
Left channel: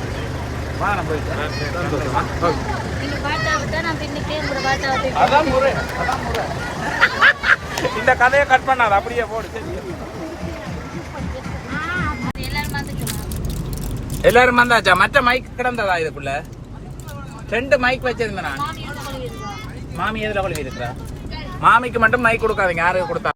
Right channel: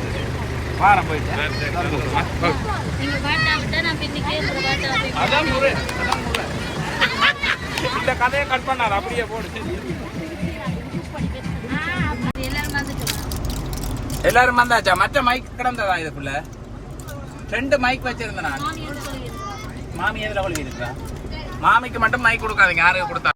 வாரம் போயிட்டு. சந்தோஷமா ஓகே. அதான் முறை அதான் முறை. இந்த கதையை கட் பண்ணாரு அப்படியே போடு. எல்லாரும் வந்தாச்சா? மற்ற மைக் கிடந்ததா இதுக்குள்ள ரெண்டு மைக் வச்சிருந்தேன் நான். மாமி எதுல கொழுவி இருக்கிறா மாமிக்கு மட்டும் மைக் கொடுக்காதீங்க யாருக்கு கொடுத்தா?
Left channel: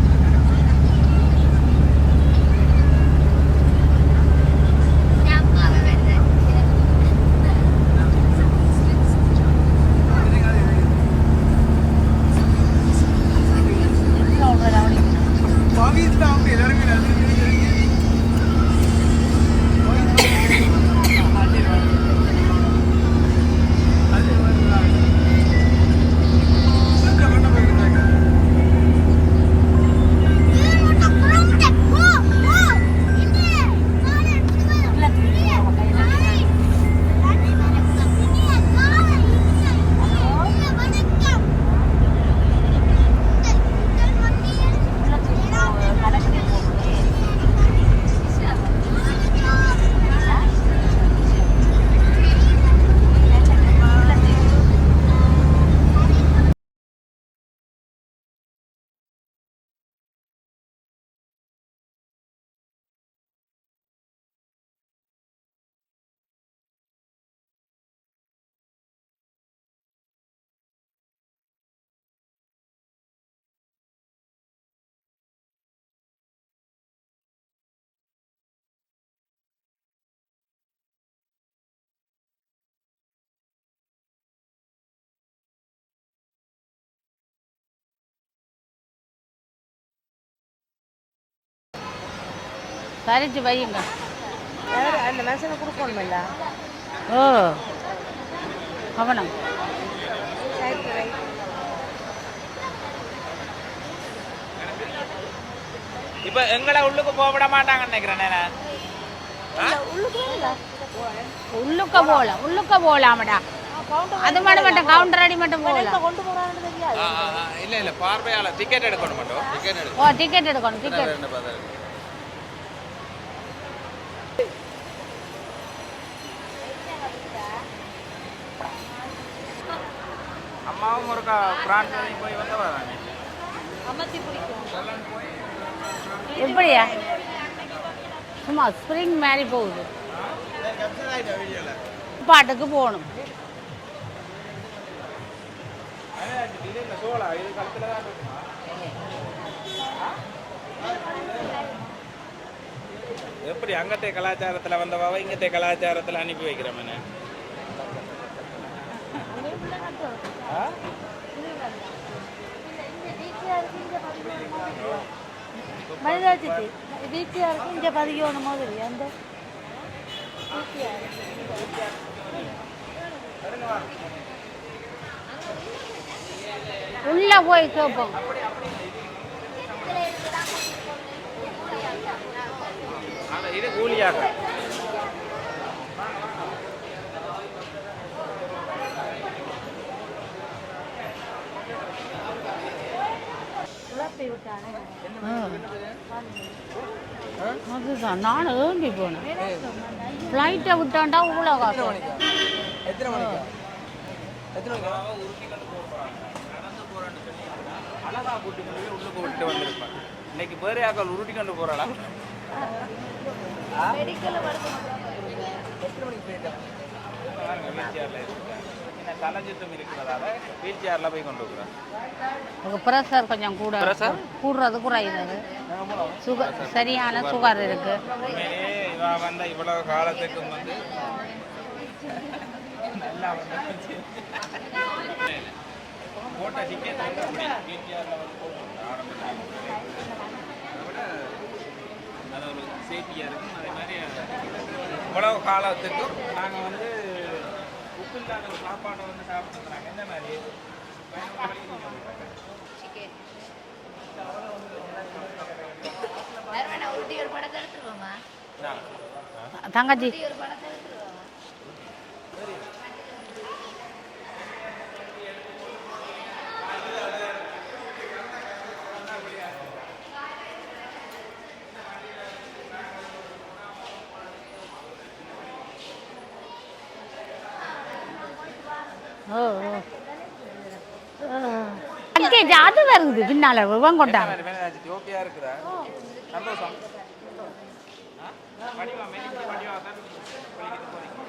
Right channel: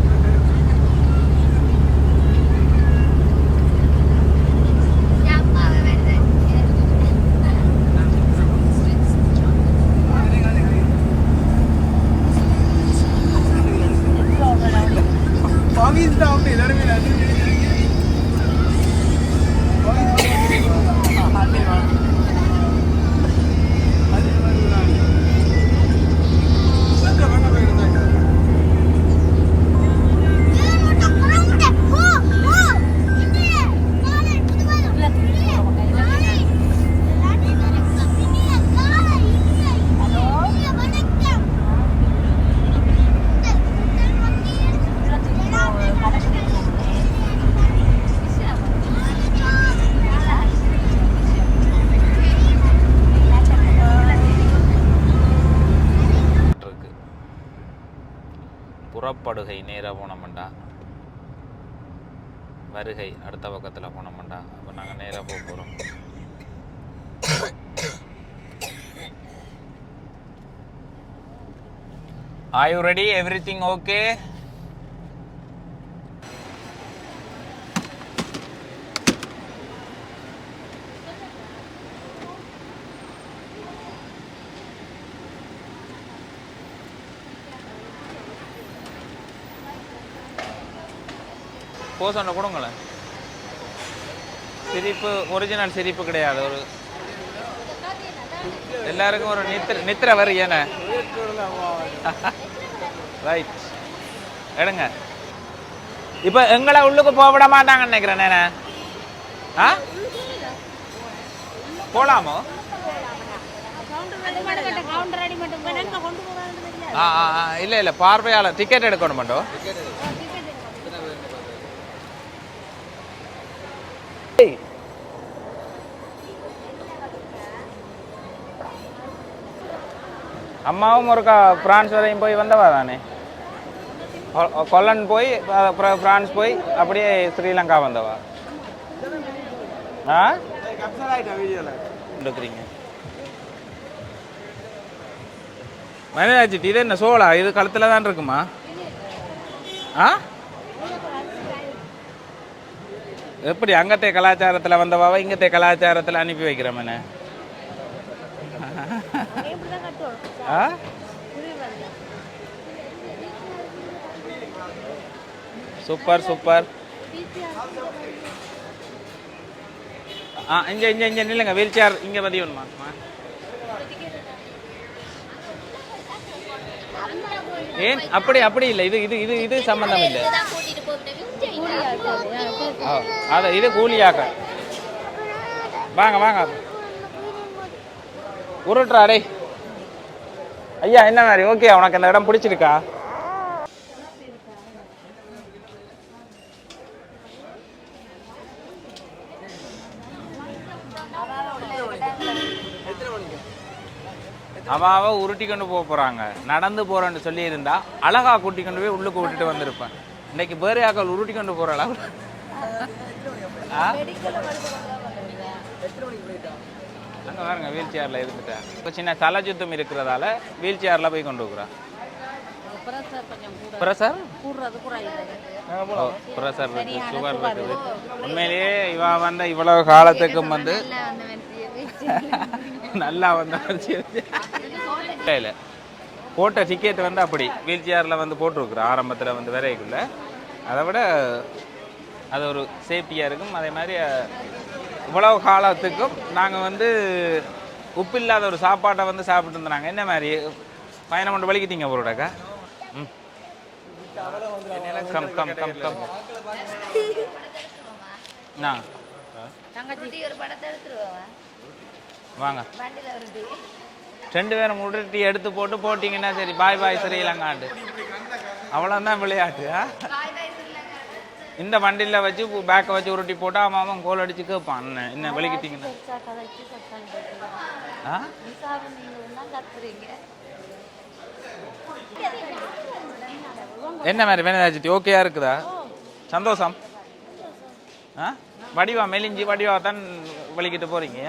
வருகை அடுத்த பக்கத்தில் போனோம்டா. அப்போ நாங்கள் நேராக போக போகிறோம் are you ready everything pose ஒன்று கொடுங்களேன். சரிச்சு வையுங்க சிரிப்பு ஒரிஜினல் சிரிப்பு கிடையாது ஒரு. ஓ. எல்லாருக்கும் ஒரு நித்திர நித்திர வரி ஏன ரைட் எடுங்க. இப்போ எங்களை உள்ளுக்கு போக விட மாட்டாங்கன்னு நினைக்கிறேன் நேனே. ஆ? உள்ளுக்க போகலாம் உள்ளுக்க போகலாமடா அது மட்டும் மட்டும் கவுண்டர் அடி மட்டும் போகலாம் ஆ ஆ, ஆ, இல்ல இல்ல பார்வையாளர் டிக்கெட் எடுக்கணும் மட்டும். ஓ டிக்கெட் எடுக்கணும் டிக்கெட் அம்மாவும் ஒருக்கா பிரான்ஸ் வரையும் போய் வந்தவா தானே? கொல்லன் போய் அப்புறம் பிரான்ஸ் போய்? அப்படியே? ஸ்ரீலங்கா வந்தவா? சும்மா ஸ்ப்ரிங் மாதிரி போகுது. ஆ? பாட்டுக்கு போகணும். மனிதாச்சிட்டு இது என்ன சோளா? இது கழுத்துல தான் இருக்குமா? ஆ? எப்படி அங்கத்தே கலாச்சாரத்தில் வந்தவாவ இங்கத்தே கலாச்சாரத்தில் அனுப்பி வைக்கிறோம் ஆ சூப்பர் சூப்பர். ஆ இங்கே இங்கே இங்கே நில்லுங்க. வீல் சேர் இங்கே பதியணுமா உள்ள போய் ஏன்? அப்படி அப்படி இல்லை. இது இது இது இது சம்பந்தம் இல்லை. அது இது கூலியாக. வாங்க வாங்க. உருட்டுறா டேய் ஐயா என்ன மாதிரி? ஓகே உனக்கு இந்த இடம் பிடிச்சிருக்கா? அதுதான் நான் ஏங்கி போனேன். ஃப்ளைட்டை விட்டாண்டா இவ்வளோ காசு அவ அவ உருட்டி கொண்டு போக போறாங்க. நடந்து போறேன்னு சொல்லி இருந்தா அழகா கூட்டி கொண்டு போய் உள்ளுக்கு விட்டுட்டு வந்திருப்பேன் இன்னைக்கு பேரு ஆக்கள் உருட்டி கொண்டு போறாளா? அங்க பாருங்க வீல் சேர்ல இருந்துட்டேன் இப்போ சின்ன தலை சுத்தம் இருக்கிறதால வீல் சேர்ல போய் கொண்டு போகிறான் ப்ரெஷர் கொஞ்சம் கூட பிரசர் கூடுறது குறையுது சுகர் சரியான சுகர் இருக்கு. உண்மையிலேயே இவன் வந்து இவ்வளவு காலத்துக்கும் வந்து நல்லா வந்து இல்லை போட்ட டிக்கெட் வந்து அப்படி. வீல் சேரில் வந்து போட்டிருக்குறோம். ஆரம்பத்தில் வந்து விரைக்குள்ள அதை விட அது ஒரு சேஃப்டியாக இருக்கும். அதே மாதிரி இவ்வளவு காலத்துக்கும் நாங்கள் வந்து உப்பு இல்லாத ஒரு சாப்பாட்டை வந்து சாப்பிட்டு இருந்தாங்க. என்ன மாதிரி? பயணம் கொண்டு வலிக்கிட்டீங்க ஒருடக்கா ம். Come come come come. நான் தங்கச்சி. வாங்க. ரெண்டு பேரும் உருட்டி எடுத்து போட்டு போட்டிங்கன்னா சரி. பாய் பாய் ஸ்ரீலங்காண்டு அவ்வளோதான் விளையாட்டு? இந்த வண்டியில் வச்சு பேக்கை வச்சு உருட்டி போட்டு அவன் அவன் கோல் அடிச்சு கேட்பான் என்ன என்ன லக்கேஜ் அது வருது பின்னால என்ன மாதிரி வேணாச்சு ஓகேயா இருக்குதா? சந்தோஷம். ஆ? வடிவா மெலிஞ்சி வடிவா தான் வெளிக்கிட்டு போறீங்க.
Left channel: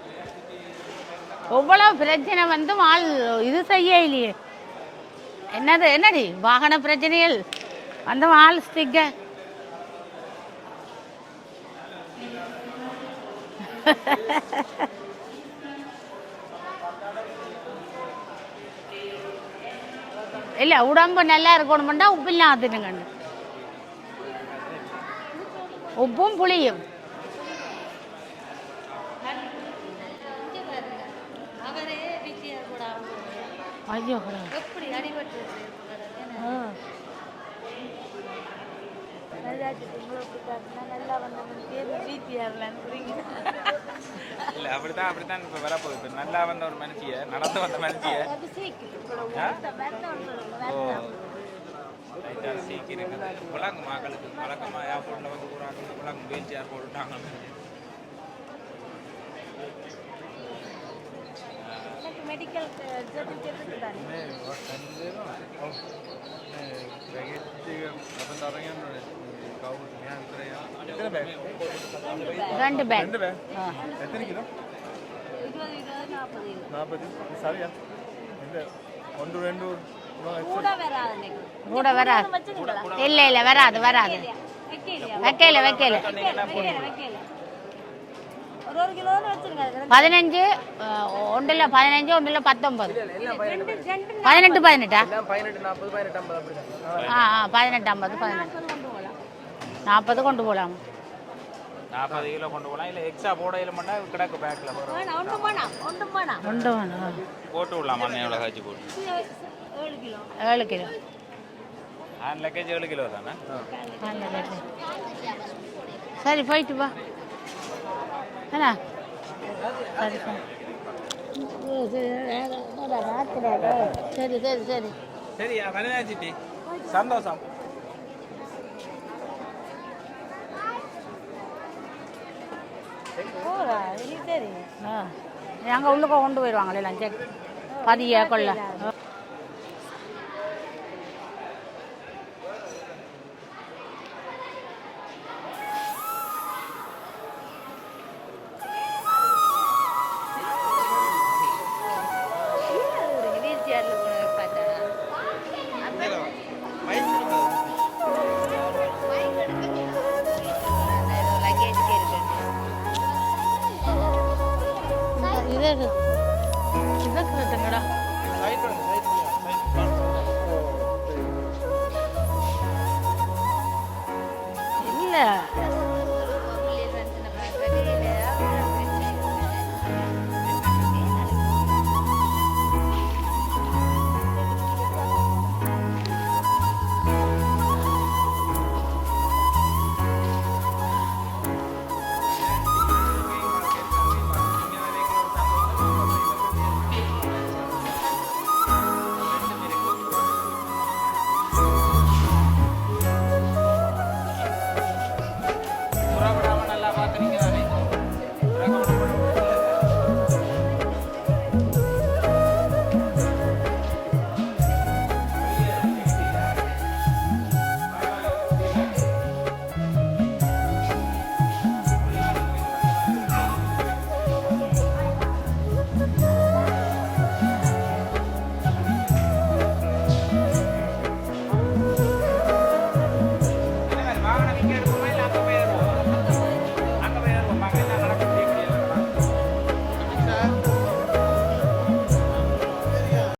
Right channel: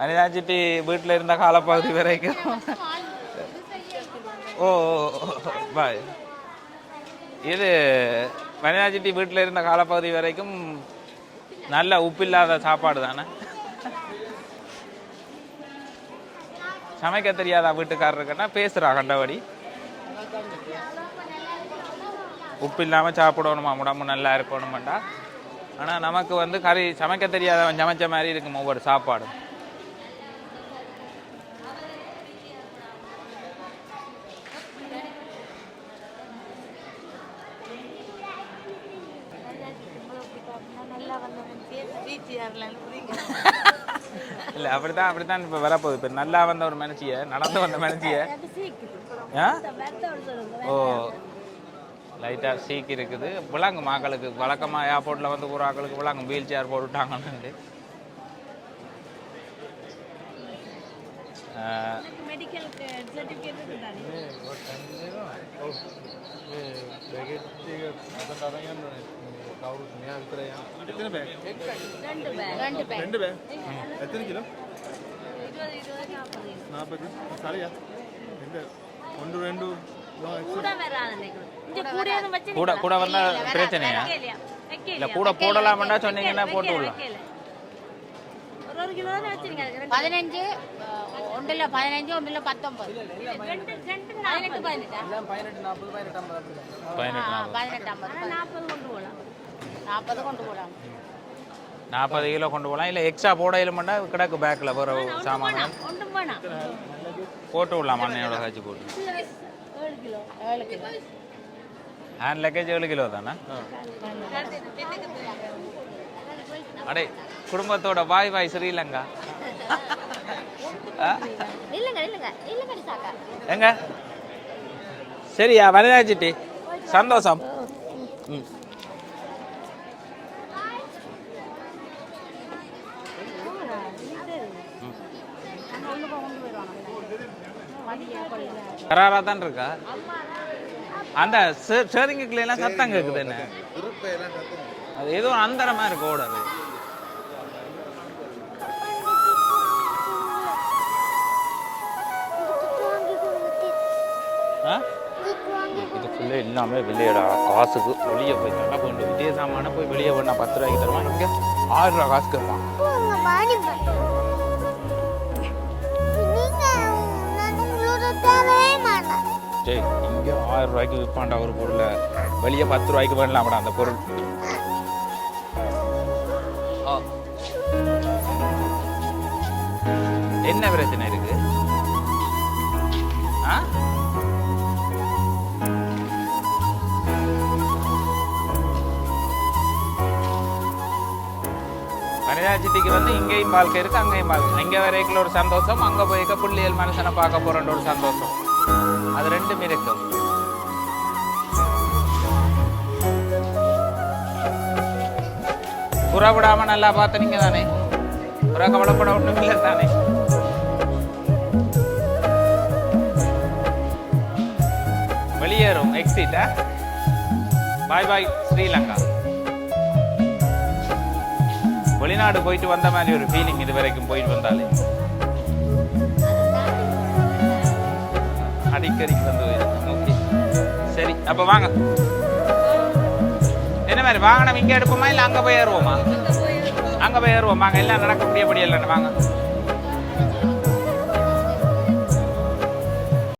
அனிதாச்சிட்டு வீட்டில் இருந்த வரைக்கும் பிரச்சனை வந்து ஆள் இது செய்ய இல்லையே. ஓ. என்னது என்னடி? வாகன பிரச்சனைகள். இது அந்த ஆள் மனிதாச்சிட்டி வீட்டில் இருந்த காலப்பகுதி வரைக்கும் நல்ல உப்பில்லாத சாப்பாடு தானே? சமைக்க தெரியாதா வீட்டுக்காரருக்குன்னா பேசுறா கண்டபடி இல்ல உடம்பு நல்லா இருக்கணும்டா உப்பு இல்லாத உப்பு இல்லாம சாப்பிடணுமா? உடம்பு நல்லா இருக்கணுமாண்டா. ஆனா நமக்கு வந்து சமைக்க தெரியாதவன் சமைச்ச மாதிரி இருக்கும் ஒவ்வொரு சாப்பாடும். ஐயோ நல்லா வந்தவன் பேர் வீட்டியார்ல இல்ல அப்படித்தான் அப்படித்தான் இப்ப வரப்போகுது. இப்ப நல்லா வந்த ஒரு மனுஷிய நடந்து வந்த மனுஷிய? ஓ. லைட்டா சீக் இருக்குது. விளங்கு மக்களுக்கு வழக்கமா ஏர்போர்ட்ல வந்து ஒரு ஆக்களுக்கு விளங்கும் வீல் சேர் போட்டுட்டாங்கன்னு ஆ, மெடிக்கல் சர்டிஃபிகேட் இருக்குதானே? ரெண்டு பேக் ரெண்டு பேக் ரெண்டு பே எத்தனை கிலோ? நாற்பது. சரியா? ரெண்டு. ஒன்று ரெண்டு. கூட வராது கூட வராது. கூட கூட இல்ல இல்ல வராது. வராது இல்ல வைக்கல வைக்கல. வைக்கல வைக்கல. வைக்கல ஒரு ஒரு கிலோ வச்சிருங்க பதினஞ்சு ஒன்றுல பதினஞ்சு ஒன்றுல பத்தொன்பது. பதினெட்டு. பதினெட்டா ஆ ஆ பதினெட்டு ஐம்பது நாற்பது கொண்டு போகலாம். நாற்பது கிலோ கொண்டு போகலாம். இல்லை எக்ஸ்ட்ரா போட இல்லைமெண்டா கிடக்கு பேக்கில் வேணாம் போட்டு விடலாம் மண்ணை காய்ச்சி போட்டு ஏழு கிலோ. ஏழு கிலோ. ஹேண்ட் லக்கேஜ் ஏழு கிலோ தானே? சரி போயிட்டு குடும்பத்தோட பாய் பாய் ஸ்ரீலங்கா ஆ? எங்க? சரி சரி சரி. சரியா வனிதாச்சிட்டி சந்தோஷம். அங்கே உள்ளுக்க கொண்டு போயிடுவாங்களே சரி. பதிய கொள்ள. கராரா தான் இருக்கா? அந்த ஸ்டேரிங்குக்குள்ள எல்லாம் சத்தம் கேக்குது என்ன? அது ஏதோ அந்தரமா இருக்கு ஓட எல்லாமே வெளியேடா காசுக்கு வெளியே போய் நல்லா கொஞ்சம் வெளியே சாமான போய் வெளியே போய் நான் பத்து ரூபாய்க்கு தருவாங்க ஆறு ரூபா காசு தருவான் ஆறு ரூபாய்க்கு விற்பாண்டா ஒரு பொருளை. வெளியே பத்து ரூபாய்க்கு பண்ணலாம்டா அந்த பொருள். இல்லை என்ன பிரச்சனை? இங்கேயும் வாழ்க்கை இருக்குது அங்கேயும் வாழ்க்கை இங்கே வரைக்கும் ஒரு சந்தோஷம் அங்கே போய்க்க பிள்ளைகள் மனுஷனை பார்க்க போறேன்ற ஒரு சந்தோஷம். அது ரெண்டும் இருக்கு. புறவிடாம நல்லா பார்த்து நீங்க தானே புற கவலைப்பட ஒன்றும் இல்லை வெளிநாடு போயிட்டு வந்த மாதிரி ஒரு ஃபீலிங் இது வரைக்கும் போயிட்டு வந்தாலே அடிக்கடி சரி அப்போ வாங்க. என்ன மாதிரி வாகனம் இங்கே எடுப்போமா இல்லை அங்கே போய் ஏறுவோமா? அங்கே போய் ஏறுவோம். வாங்க எல்லாம் நடக்க முடியபடி வாங்க.